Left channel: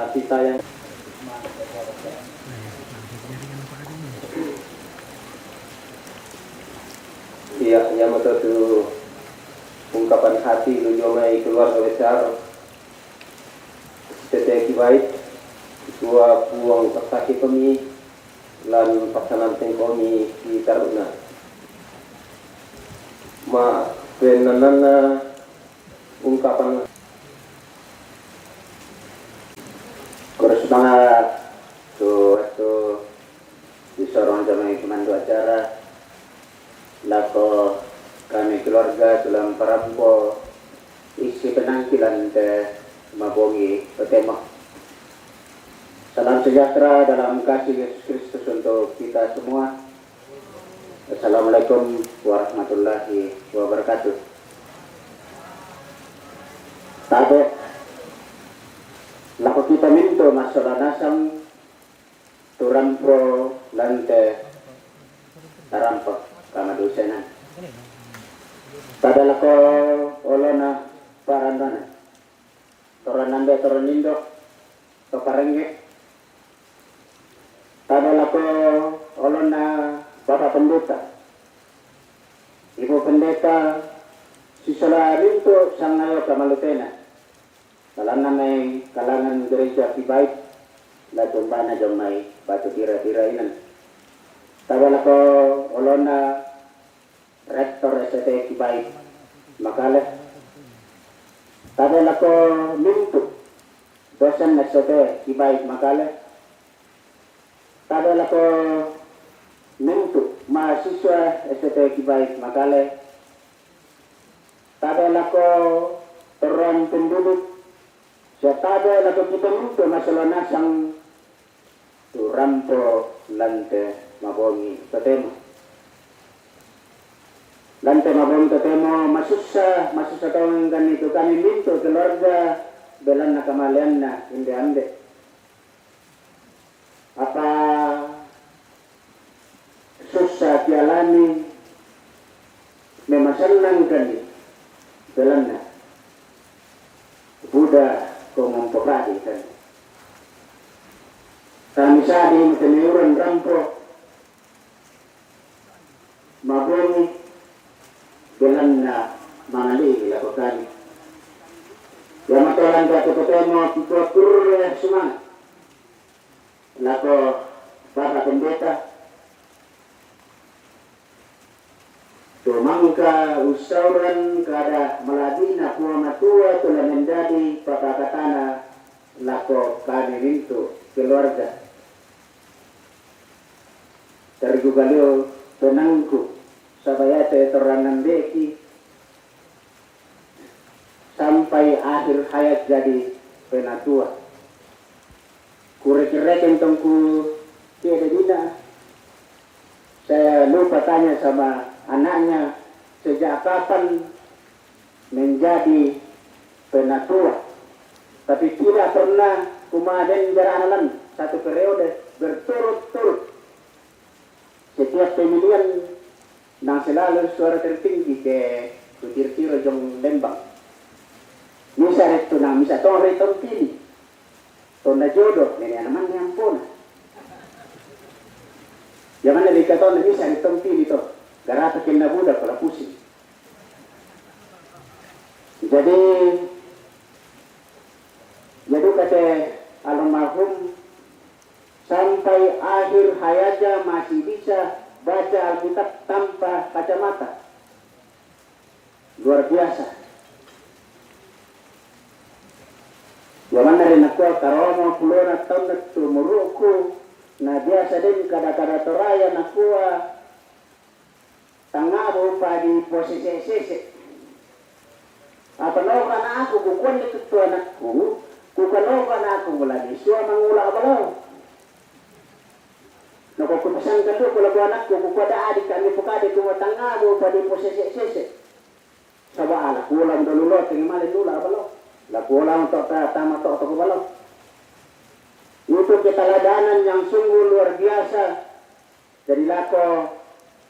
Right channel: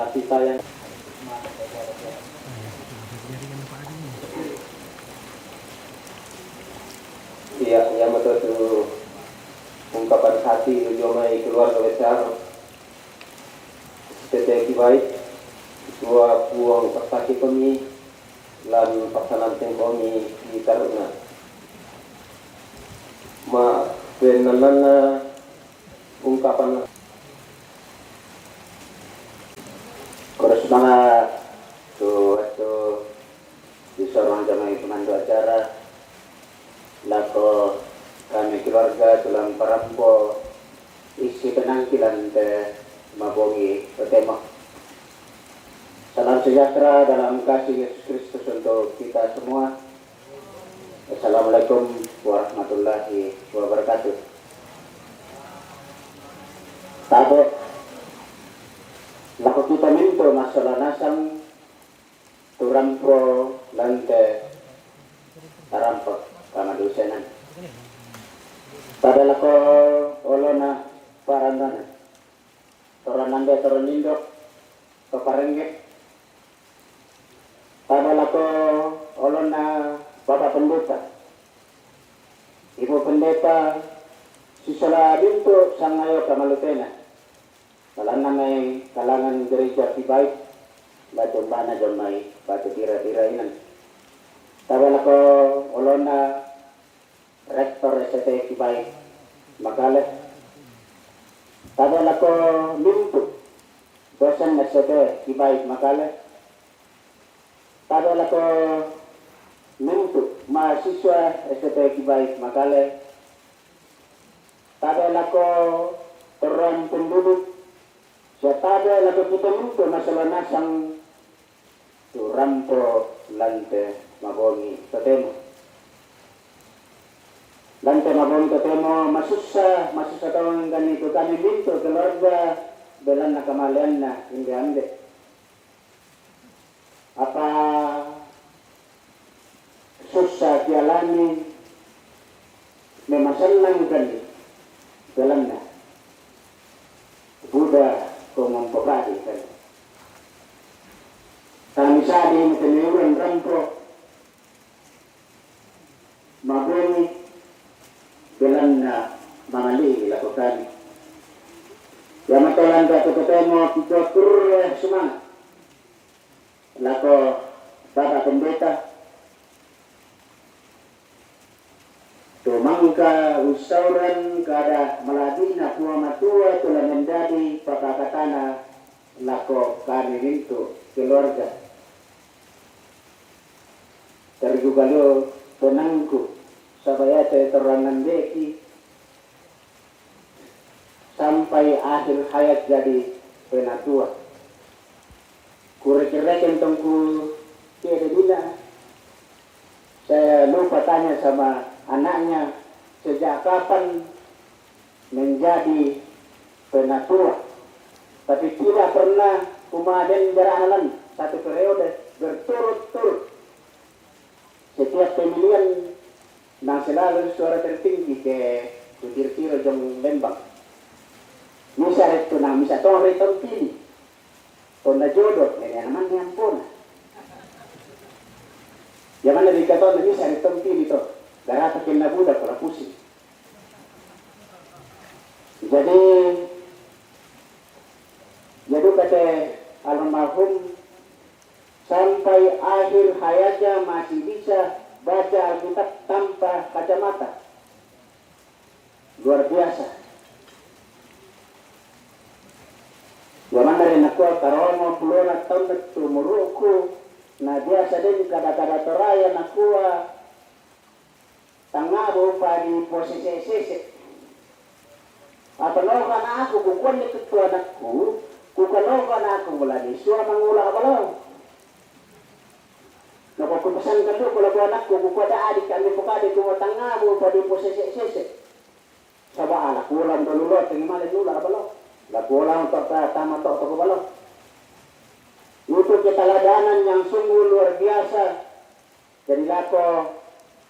kasih sayang. Iya, yang betul itu ungkapan hati lujomai keluarga besar TTI baik dua buang persaki kami lan pasanan kami di Taruna ma penanana ungkapan Semangat tuh disorong jamai pemandu acara lako kami keluarga dalam parampo isi penampilan te mabongi petema. Salam sejahtera dalam kasih Yesus Kristus untuk kita semua. Assalamualaikum warahmatullahi wabarakatuh. Tabe lako kita minto masalah nasang turampo lante tarampo kama dosenan. Pada lako olona parandana toranambe toronindo tokarenge. Pada lako olona Bapak Pendeta, Ibu Pendeta, sisala linto sangayo kamalutena. Dalam nama kalangan gereja Kibaik, latumbana jomai batu tira-tira inan. Tabala ko olona rektor ST Kibaik Makale. Tabala ko lintu dosen ST Kibaik Makale. Tabala ko lintu mahasiswa ST Kibaik Makale. Tabala ko orang penduduk siapa lagu kita minto masalah nasang turampo lante mabongi tetemo. Lante mabongi tetemo masusa tawang ganito kami minto keluarga belan na kamalian na hindi ande. Apa susah kialani memasalang kani belan na Buddha kung mempokati kan. Kami sadi teneuran rampo maboni belan na mangali lakukan. Yang matolan ka ketemu pikotur semua. Lako Bapak Pendeta Tumangka usauran kada maladina kuwa matua telah menjadi pakakatana lako kami rintu keluarga. Tergugalio tenangku sabayate terangan beki sampai akhir hayat jadi penatua. Kurek-kurek tentangku tiada dina. Saya lupa tanya sama anaknya sejak kapan menjadi penatua, tapi tidak pernah kumaden beranak satu periode berturut-turut. Setiap pemilihan nang selalu suara tertinggi ke Kutir-tiro jong Lembang. Misa itu nang misa tong retong pilih, tong jodoh nenek aman yang pun. Jangan ada kata misa retong pilih to. Garata kena budak kalau pusing. Jadi kata almarhum sampai akhir hayatnya masih bisa baca Alkitab tanpa kacamata. Luar biasa. Zaman dari nakwa karomo puluhan tahun itu muruku. Nah biasa din kada-kada toraya nakwa tanga mo pa di posisi. Apalogan ako kukuan ni ketua anakku, kukalogan ako mula di suwa mangula abalaw. Nakukumpasan ka to kula anakku kukuada adik kami pukadi ko tanga mo pa di posisi. Sawa anak kulang dolulot ng mali nula abalaw. La kulang to tama to abalaw. Itu keteladanan yang sungguh luar biasa dari lako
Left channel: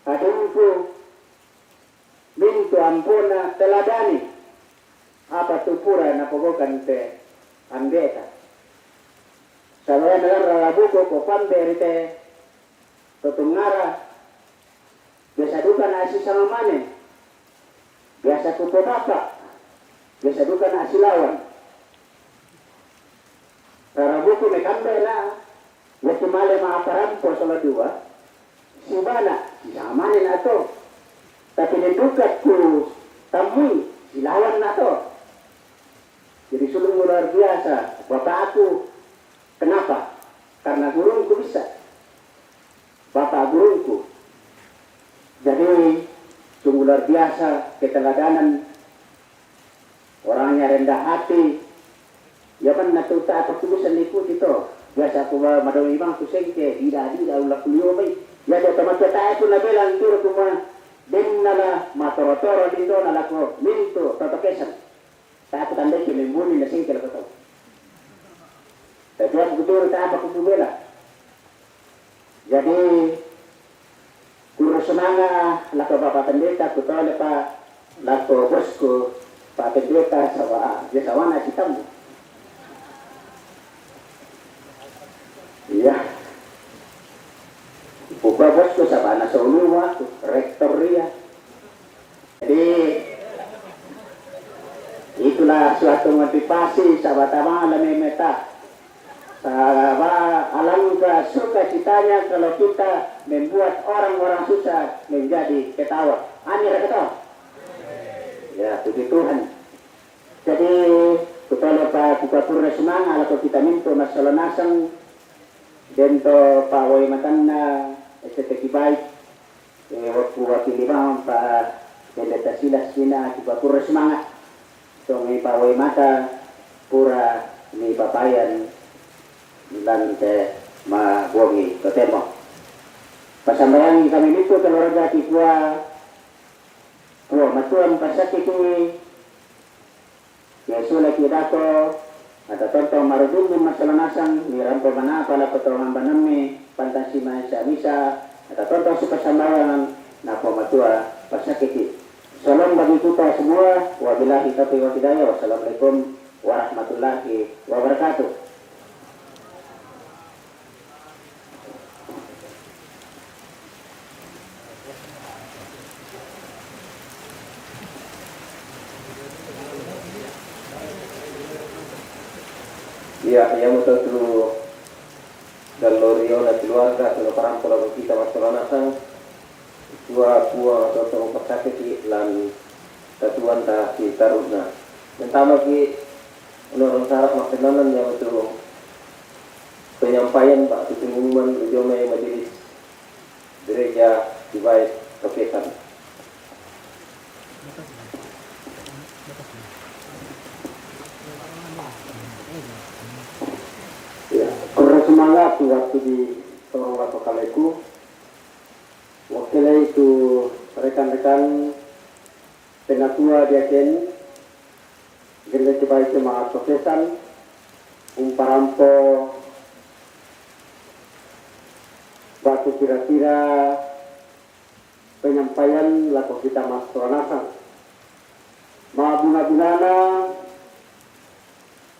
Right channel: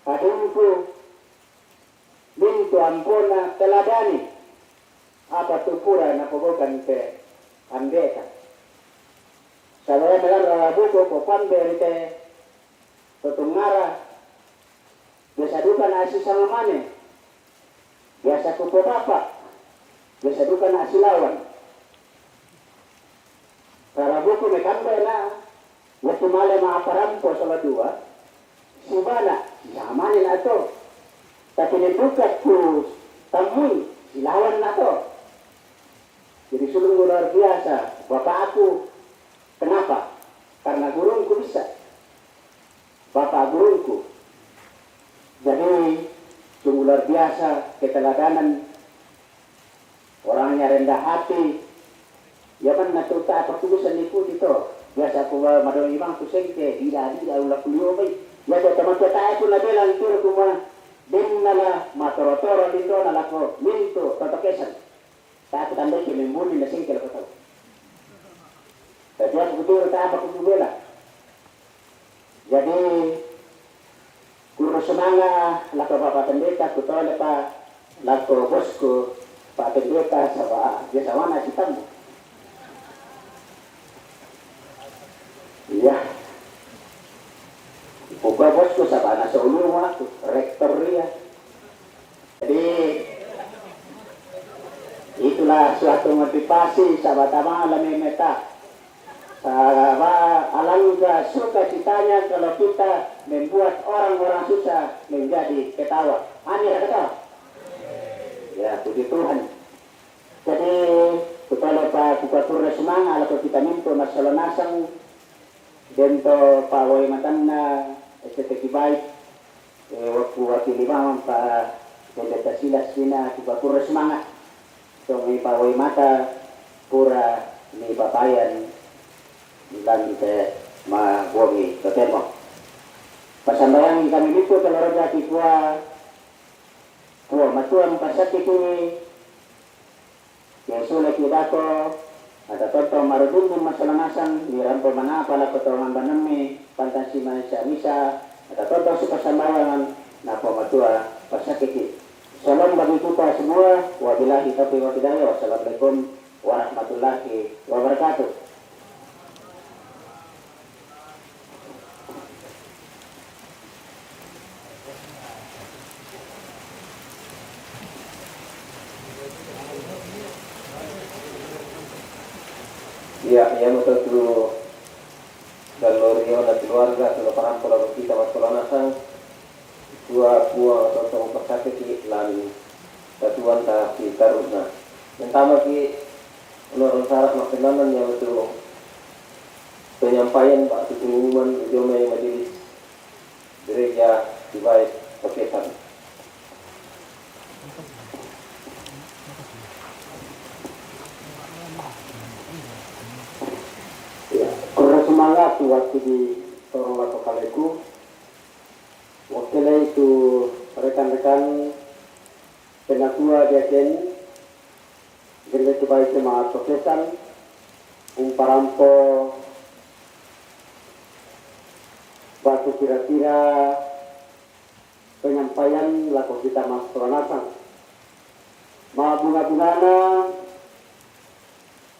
kadungku minto ampuna teladani apa tupura na pogokan te andeka Kalau yang buku kopan berite tutungara biasa duka nasi sama mana, biasa kuku apa, biasa duka nasi lawan. Karena buku mekambe na, waktu malam maaparampo sama dua, si mana, si sama na to. Tapi didukat ku tamui, si lawan na to. Jadi sulung luar biasa, bapak aku. Kenapa? Karena gurungku bisa. Bapak gurungku. Jadi sungguh luar biasa keteladanan. Orangnya rendah hati. Ya kan natuta apa tulisan ikut itu. Biasa aku madol imang tu sengke. Tidak ulah kuliah bay. Ya ada teman kita itu nabilang tur kuma. Dinnala matorotoro lindo nalako. Minto totokesan. Saya aku tandai kimembuni na sengke lakoto. Jadi aku betul tak apa kubela. Jadi kurus semangat lako bapak pendeta betul lepas lako bosku pak pendeta sama biasa wana hitam. Iya. Bapak bosku sama anak seulua rektor dia. Jadi itulah suatu motivasi sahabat amal meta. Alangkah suka citanya kalau kita membuat orang-orang susah menjadi ketawa. Aneh ketawa. Ya, puji Tuhan. Jadi kita lupa buka pura semangat kalau kita minta masalah nasang dento pawai matana estetik baik waktu lima pa pendeta silas kina buka pura semangat. So may pawai mata pura ni papayan dan ke mabuangi ketemo. Pasambayan kami nito keluarga kikwa matuan pasakit ini Yesus lagi dato ada contoh marudun masalah nasang nirampo mana pala potongan banami fantasi misa ada contoh suka sambayan napo matua pasakit. Salam bagi kita semua. Wabillahi taufiq wal hidayah. Wassalamualaikum warahmatullahi wabarakatuh. Ya, yang betul dulu dan lorio dan keluarga sudah parang pulau kita masalah nasang dua buah atau tong persakit lan satuan tak kita rusna. Pertama ki menurut syarat maksimalan yang betul penyampaian Pak pengumuman Jomai Majelis Gereja Dibai Tokesan. Semangat waktu di Torong Kaleku wakilnya itu rekan-rekan penatua diaken gereja baik semangat Tokesan umparampo batu kira-kira penyampaian laku kita masuk nasan mabuna-bunana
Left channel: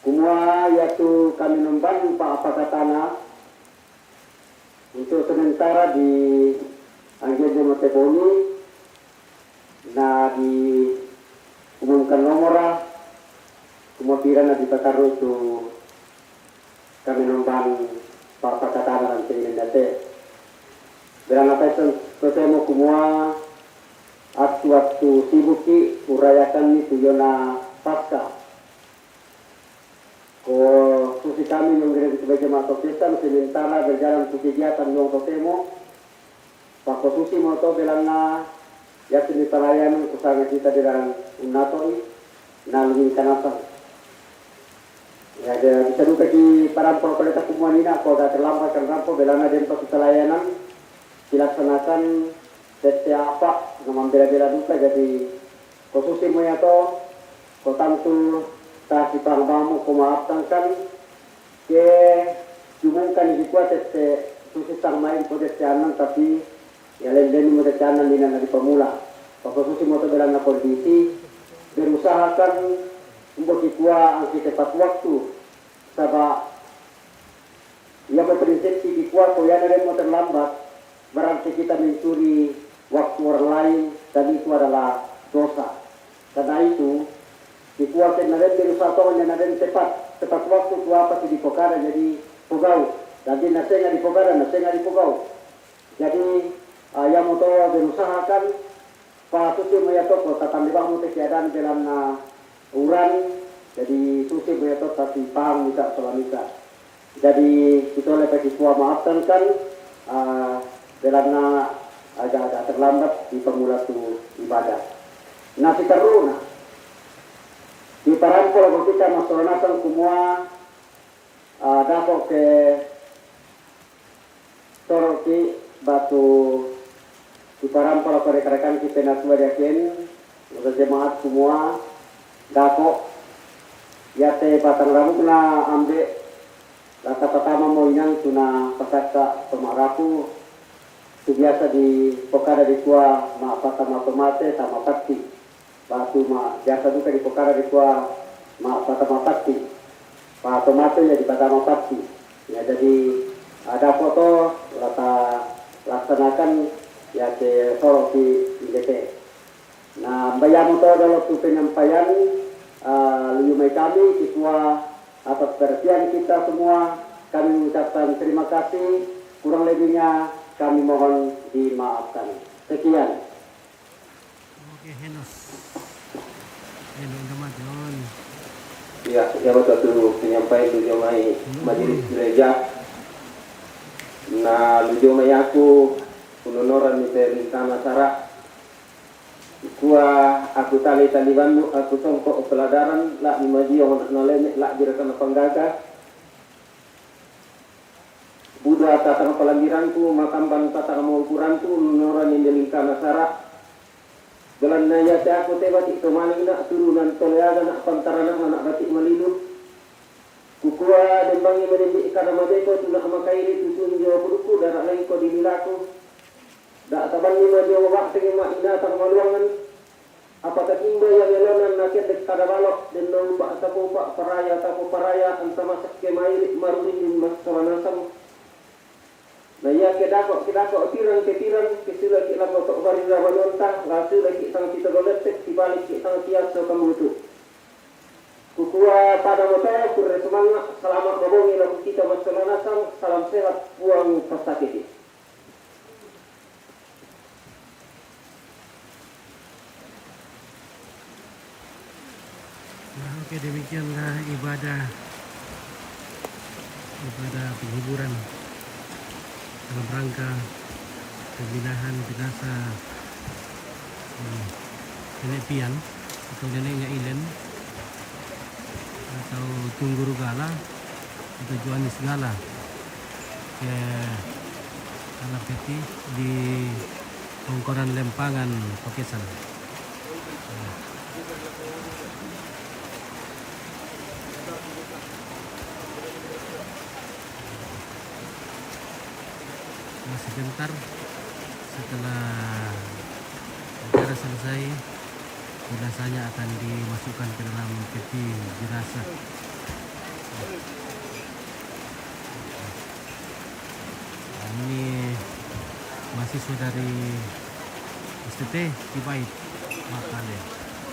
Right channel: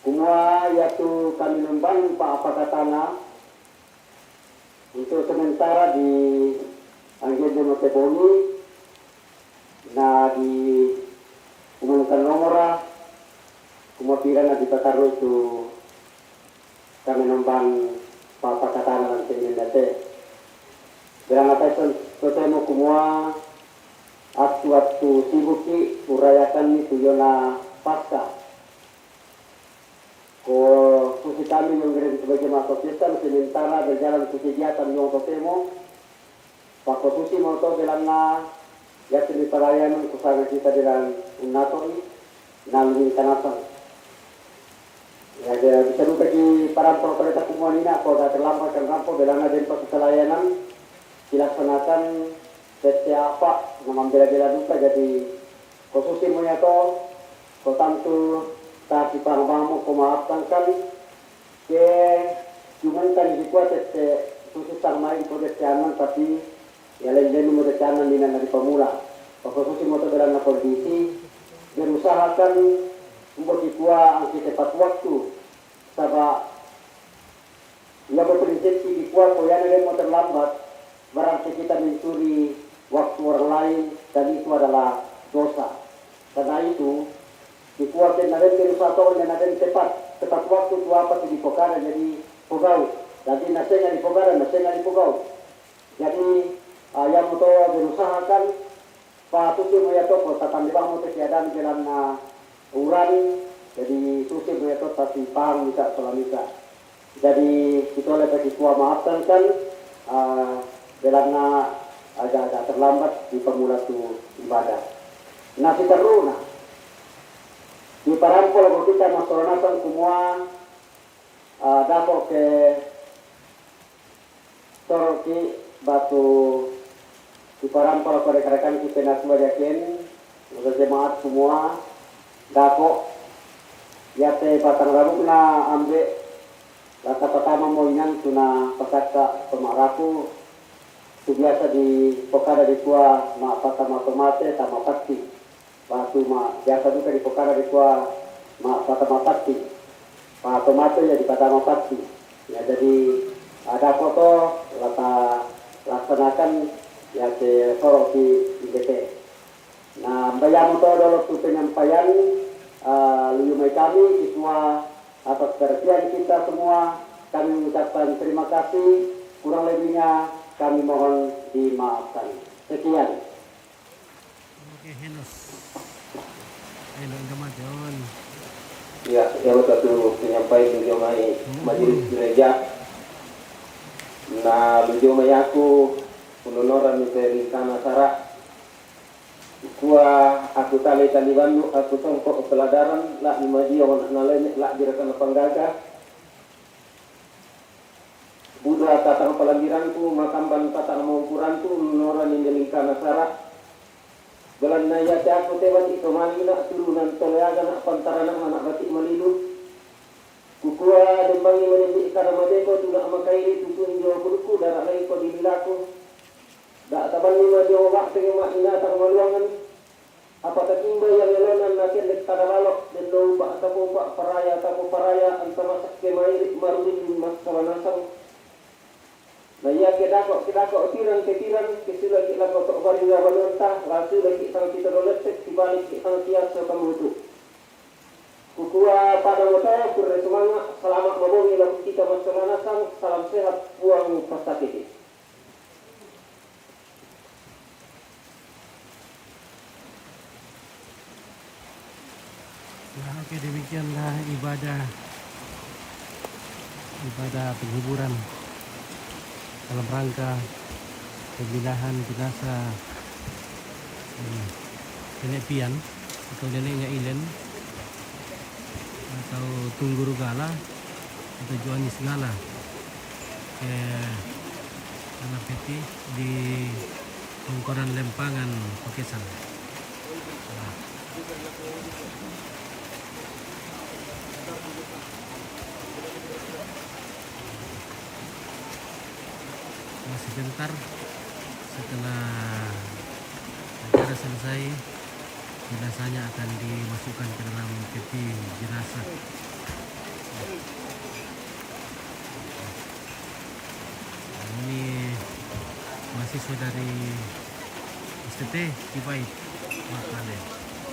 semua yaitu kami membangun Pak Apakatana untuk sementara di Anggejo Moteboni na di umumkan nomora kemudian di Bataru itu kami membangun Pak Apakatana dan Sendendate berang apa itu ketemu semua waktu sibuki urayakan itu yona pasca susi kami mengirim sebagai masuk Kristen sementara berjalan ke kegiatan yang totemo Pak Susi moto belana ya sini pelayanan usaha kita di dalam unatoi nalungin kanasan ya bisa duka di parampau pada takuman ini aku agak terlambat kan rampo belana dan pas pelayanan dilaksanakan setiap apa mengambil duka jadi Susi menyato kotantu kasi pangbango kumaaftan kami ke jumungkan dikuat susah main po desyanan tapi ya lain mo desyanan din na pamula pagkasusi mo to bilang na politisi berusahakan untuk ikwa ang kita waktu sabah kuat yang ada mau terlambat, berarti kita mencuri waktu orang lain dan itu adalah dosa. Karena itu dikuatkan ada berusaha tahun dan ada tepat waktu tu apa di pokara jadi pegau. Jadi nasinya di pokara, nasinya di pegau. Jadi yang mau berusahakan patuti moya toko tatang di bang muti keadaan jalan uran. Jadi susi moya toko tapi paham bisa solamika. Jadi kita oleh bagi tua maafkan kan dalam agak terlambat di pemula tu ibadah. Nasi teruna di parampol kalau kita masyarakat semua dapat ke toroki batu di parampol kalau rekan-rekan kita nak yakin untuk jemaat semua dapat ya te batang rambut na ambil lata pertama mau inang tuna pasaka pemaraku itu biasa di pokara di tua ma patama tomate sama pati batu ma biasa juga di pokara di tua ma patama pati pa tomate ya di patama pati ya jadi ada foto lata laksanakan ya ke sorok di IDT. Nah bayang itu adalah penyampaian lumai kami siswa atas perhatian kita semua. Kami mengucapkan terima kasih, kurang lebihnya kami mohon dimaafkan. Sekian. Oke, Henos. Henos gamat yon. Ya, yang satu penyampaian di jomai majelis gereja. Nah, di jomai aku penunoran dari tanah sarah. Aku tali bandu, aku songkok peladaran, lah imaji yang nalenik, lah direkan penggaga. Buddha tatang pelambiranku, makamban tatang maukuranku, penunoran yang dari tanah sarah. Jalan naya aku tebati kemalina, turunan toleaga nak pantaran anak batik malilu. Kukua dembangi menembik karena madeko tu nak makairi tutun jawa kuruku darah lain ko dililaku. Dak taban lima jawa waktu mak ina tak maluangan. Apakah timba yang yalonan nakin dek kada balok dan no pak tapo pak paraya anta masak ke mairi marudin di mas solanasam. Nah ya kedako tirang ke sila ki lang tok bari rawanonta rasu lagi sang kita doletek dibalik ki sang tiap so kamutu. Kukua pada motor kurre semangat selamat mabongi lagu kita masalanasam salam sehat buang pasakiti. Nah, oke demikianlah ibadah penghiburan dalam rangka pemindahan jenazah nenek pian atau neneknya Ilen atau Tungguru Gala atau Joanis Gala ke tanah peti di Pengkoran Lempangan Pakesan. Sebentar setelah acara selesai, jenazahnya akan dimasukkan ke dalam peti jenazah. Ini mahasiswa dari STT Cipait, Makale.